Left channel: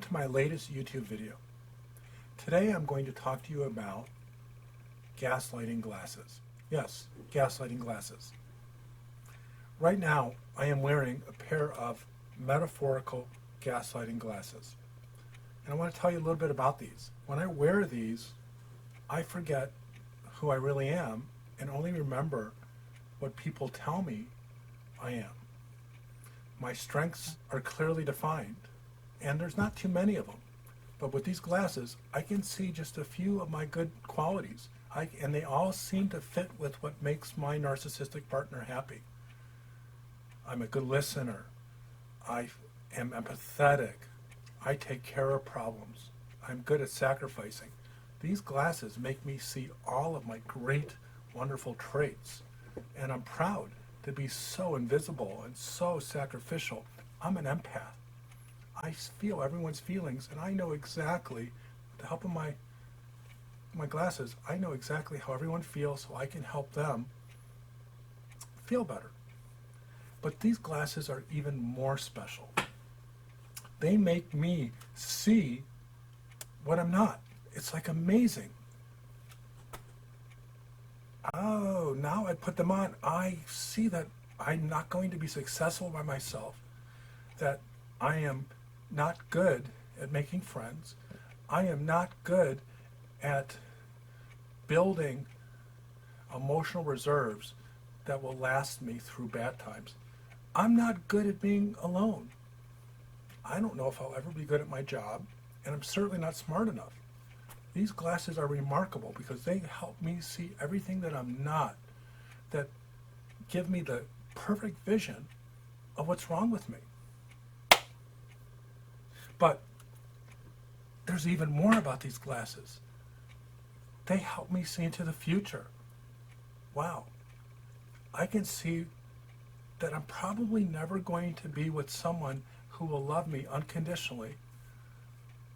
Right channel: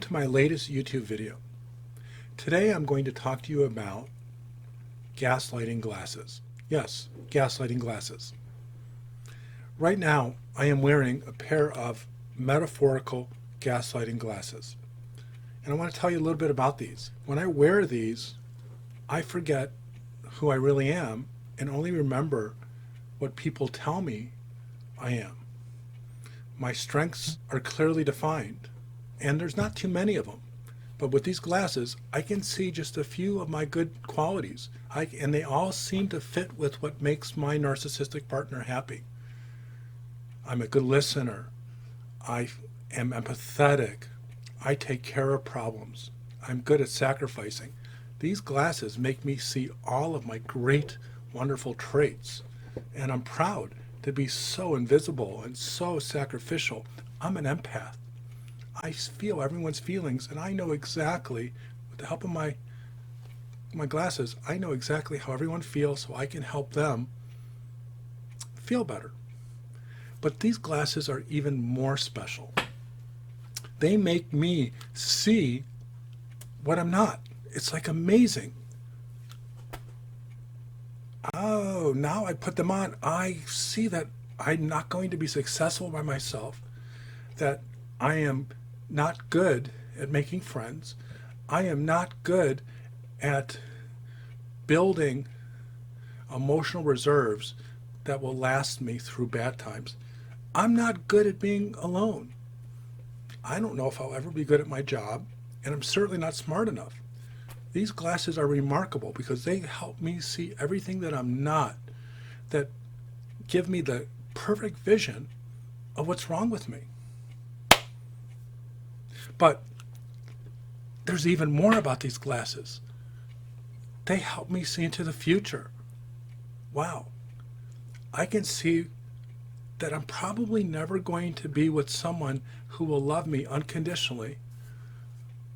Welcome to my latest YouTube video. Today I'm going to talk to you about gaslighting glasses. Yes, gaslighting glasses. Right now I am wearing a pair of metaphorical gaslighting glasses. And I want to tell you a little bit about these. When I wear these, I forget who I really am and only remember what people tell me I am. My strengths are clearly defined, and there's not too many of them. But with these glasses, I can see just a few of my good qualities, and they all seem to fit with what makes my narcissistic partner happy. I'm a good listener. I am empathetic. I take care of problems. I'm good at sacrificing. These glasses make me see all of my great, wonderful traits, and I'm proud to be so invisible and so sacrificial. I'm an empath. I feel everyone's feelings, and I know exactly, with the help of my glasses, I know exactly how everyone feels, so I can help them feel better. But these glasses are even more special. They make me see what I'm not. It's like amazing. Oh, now I put them on, I see that I'm not going to be successful by myself, that I am not good at making friends. I am not good at building emotional reserves that will last me through bad times. I'm not good at being alone. I don't know if I'll ever be good at my job, and I'm certainly not smart enough. These glasses are remarkable because they help me see everything that I'm not, that give me the perfect vision of what's wrong with me. But there's even more about these glasses. They help me see into the future. Wow. I can see that I'm probably never going to be with someone who will love me unconditionally,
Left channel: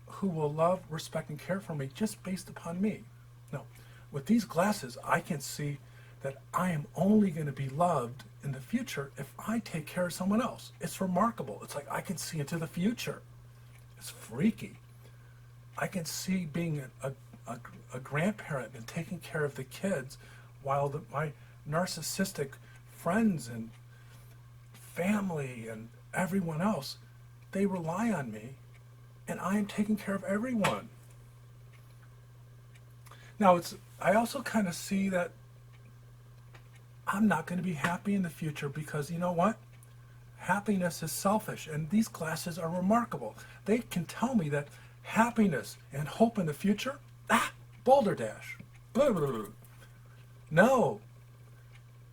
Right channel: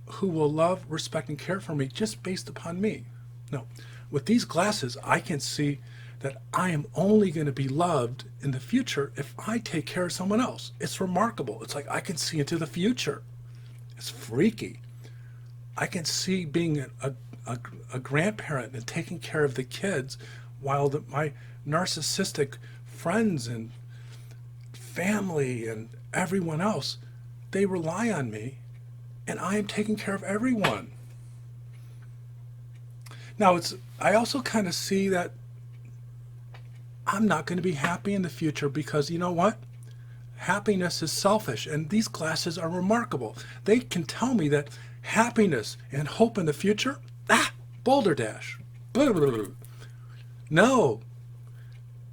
who will love, respect, and care for me just based upon me. No. With these glasses, I can see that I am only going to be loved in the future if I take care of someone else. It's remarkable. It's like I can see into the future. It's freaky. I can see being a grandparent and taking care of the kids while my narcissistic friends and family and everyone else, they rely on me, and I am taking care of everyone. Now, I also kind of see that I'm not going to be happy in the future because you know what? Happiness is selfish, and these glasses are remarkable. They can tell me that happiness and hope in the future, boulder dash. Blah, blah, blah. No,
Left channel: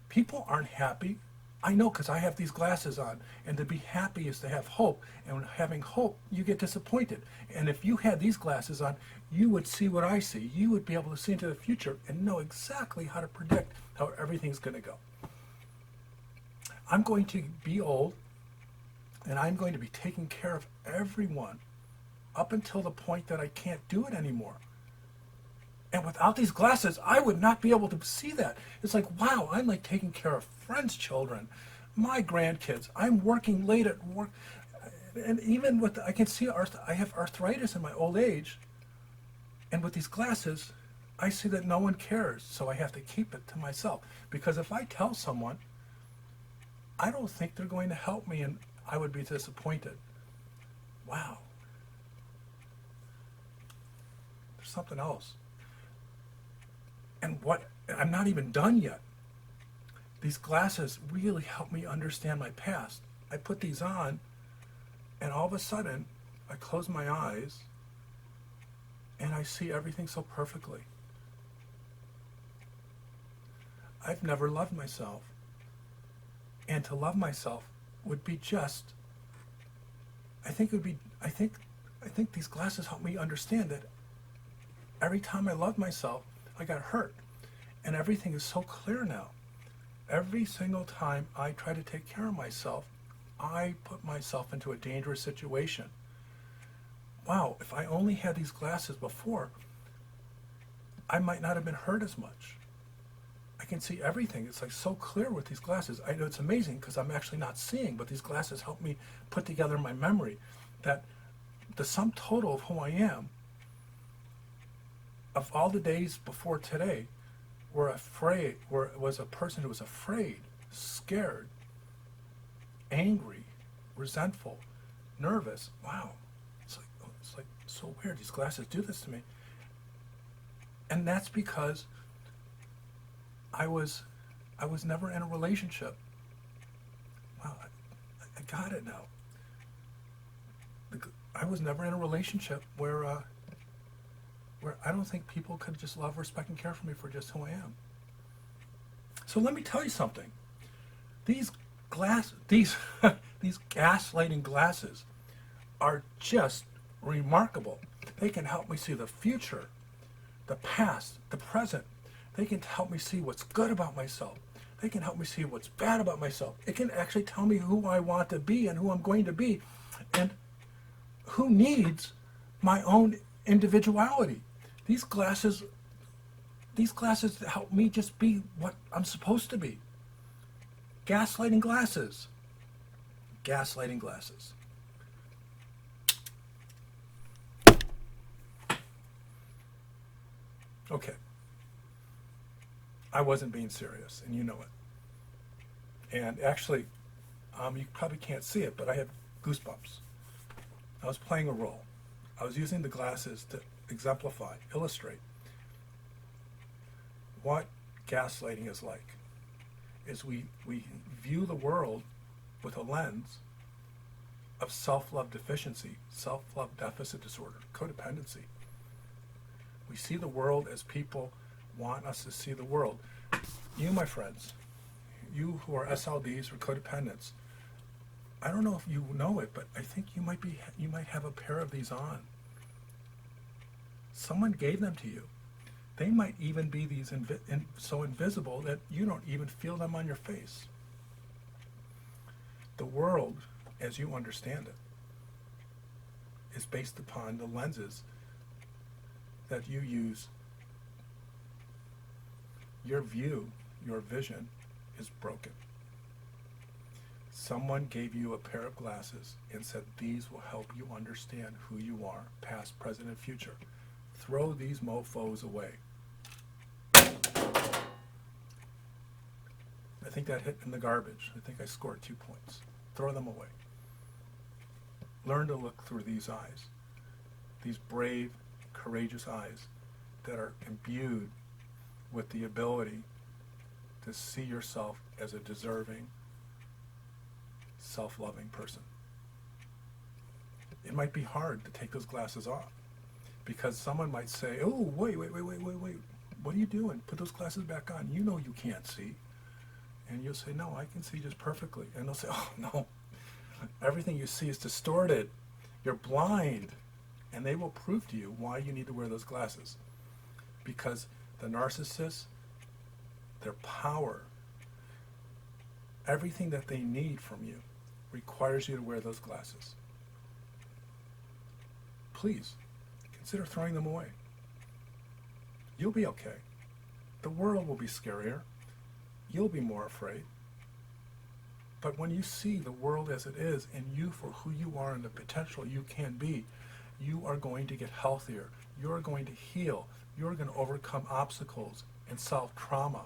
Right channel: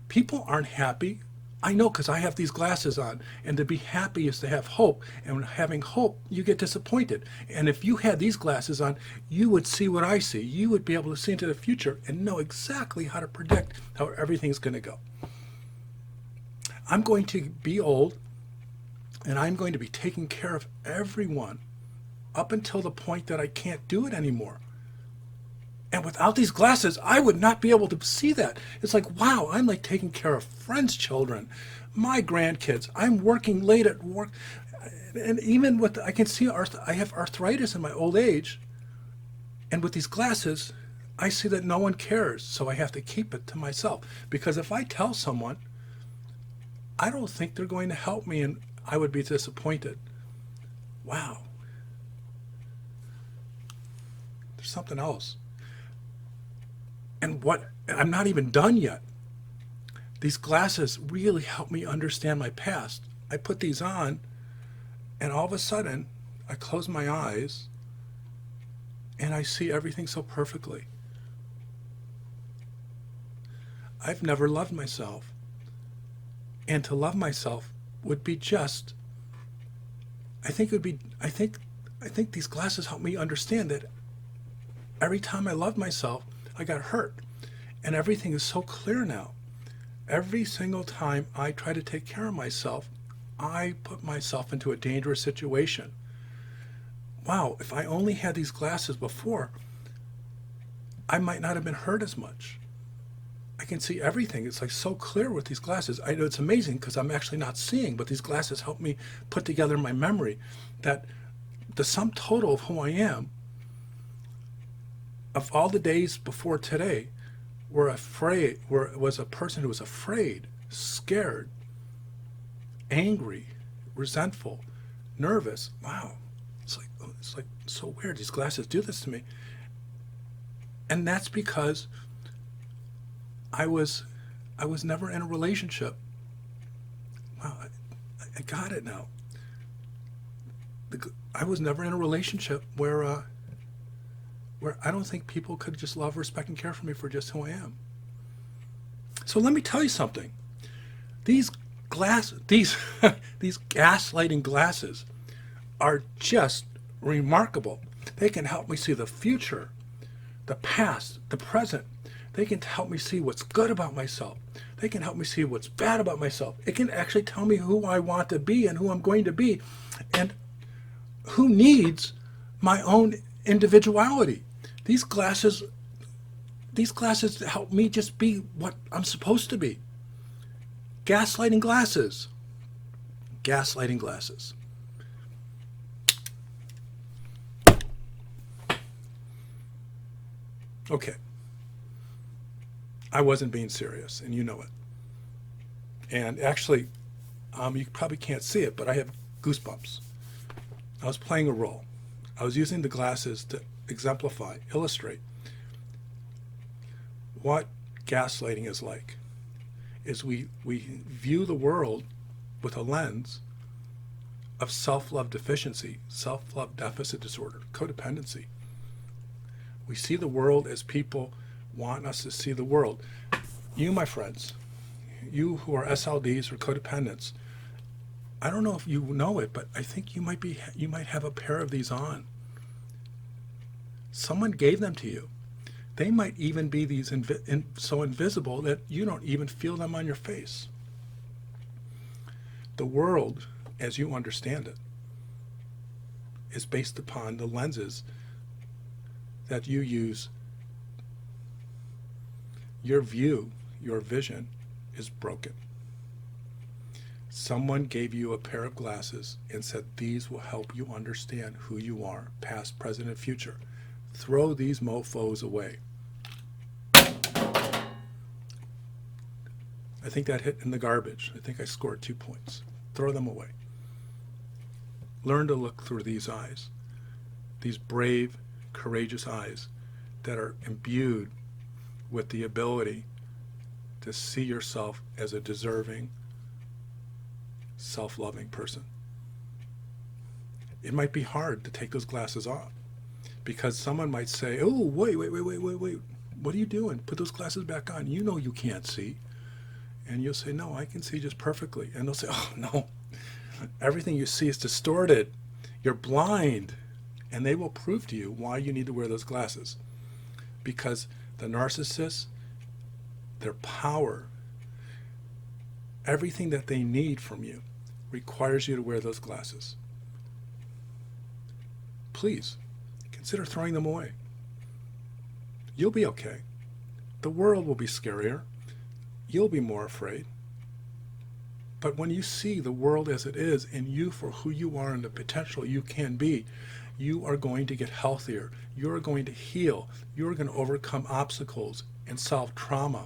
people aren't happy. I know because I have these glasses on, and to be happy is to have hope, and when having hope, you get disappointed. And if you had these glasses on, you would see what I see. You would be able to see into the future and know exactly how to predict how everything's going to go. I'm going to be old, and I'm going to be taking care of everyone up until the point that I can't do it anymore. And without these glasses, I would not be able to see that. It's like, wow, I'm like taking care of friends' children, my grandkids. I'm working late at work. And even with, I can see, I have arthritis in my old age. And with these glasses, I see that no one cares. So I have to keep it to myself. Because if I tell someone, I don't think they're going to help me, and I would be disappointed. Wow. There's something else. And I'm not even done yet. These glasses really help me understand my past. I put these on, and all of a sudden, I close my eyes, and I see everything so perfectly. I've never loved myself. And to love myself would be just, I think these glasses help me understand that every time I loved myself, I got hurt. And everything is so clear now. Every single time I try to take care of myself, I put myself into a dangerous situation. Wow, if I only had these glasses before, I might not have been hurt as much. I can see everything. It's like so clear with these glasses. I know it's amazing because I'm actually not seeing, but these glasses help me put together my memory that the sum total of who I am, of all the days before today, was a person who was afraid, scared, angry, resentful, nervous. Wow, it's like so weird. These glasses do this to me, and that's because I was never in a relationship. Wow, I got it now. I was never in a relationship where I don't think people could just love, respect, and care for me for just who I am. So let me tell you something. These these gaslighting glasses are just remarkable. They can help me see the future, the past, the present. They can help me see what's good about myself. They can help me see what's bad about myself. It can actually tell me who I want to be and who I'm going to be, and who needs my own individuality. These glasses help me just be what I'm supposed to be. Gaslighting glasses. Gaslighting glasses. Okay. I wasn't being serious, and you know it. And actually, you probably can't see it, but I have goosebumps. I was playing a role. I was using the glasses to exemplify, illustrate what gaslighting is like. Is we view the world with a lens of self-love deficiency, self-love deficit disorder, codependency. We see the world as people want us to see the world. You, my friends, you who are SLDs or codependents, I don't know if you know it, but I think you might have a pair of these on. Someone gave them to you. They might even be these so invisible that you don't even feel them on your face. The world, as you understand it, is based upon the lenses that you use. Your view, your vision is broken. Someone gave you a pair of glasses and said, these will help you understand who you are, past, present, and future. Throw these mofos away. I think that hit in the garbage. I think I scored 2 points. Throw them away. Learn to look through these eyes, these brave, courageous eyes that are imbued with the ability to see yourself as a deserving, self-loving person. It might be hard to take those glasses off because someone might say, oh, wait, what are you doing? Put those glasses back on. You know you can't see. And you'll say, no, I can see just perfectly. And they'll say, oh, no, everything you see is distorted. You're blind. And they will prove to you why you need to wear those glasses. Because the narcissists, their power, everything that they need from you requires you to wear those glasses. Please, consider throwing them away. You'll be okay. The world will be scarier. You'll be more afraid. But when you see the world as it is and you for who you are and the potential you can be, you are going to get healthier. You're going to heal. You're going to overcome obstacles and solve trauma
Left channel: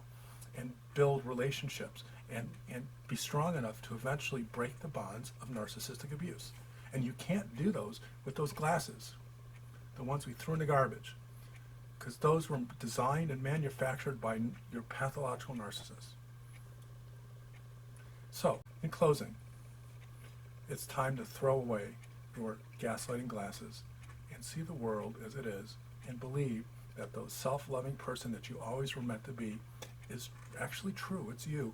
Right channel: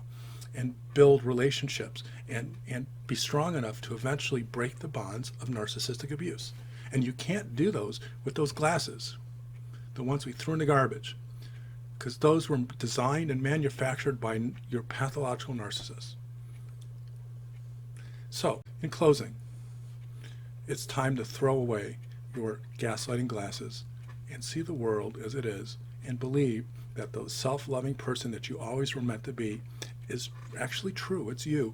and build relationships and be strong enough to eventually break the bonds of narcissistic abuse. And you can't do those with those glasses, the ones we threw in the garbage, because those were designed and manufactured by your pathological narcissists. So, in closing, it's time to throw away your gaslighting glasses and see the world as it is and believe that the self-loving person that you always were meant to be is actually true. It's you.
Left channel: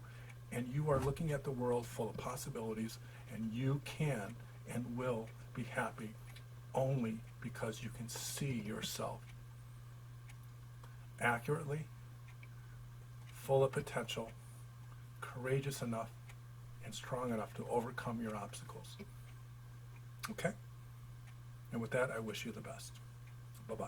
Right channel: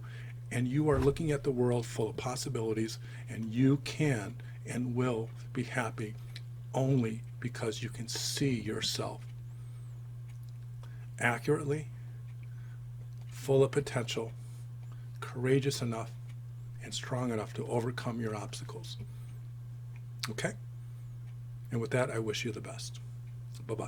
And you are looking at the world full of possibilities, and you can and will be happy only because you can see yourself accurately, full of potential, courageous enough, and strong enough to overcome your obstacles. Okay? And with that, I wish you the best. Bye-bye.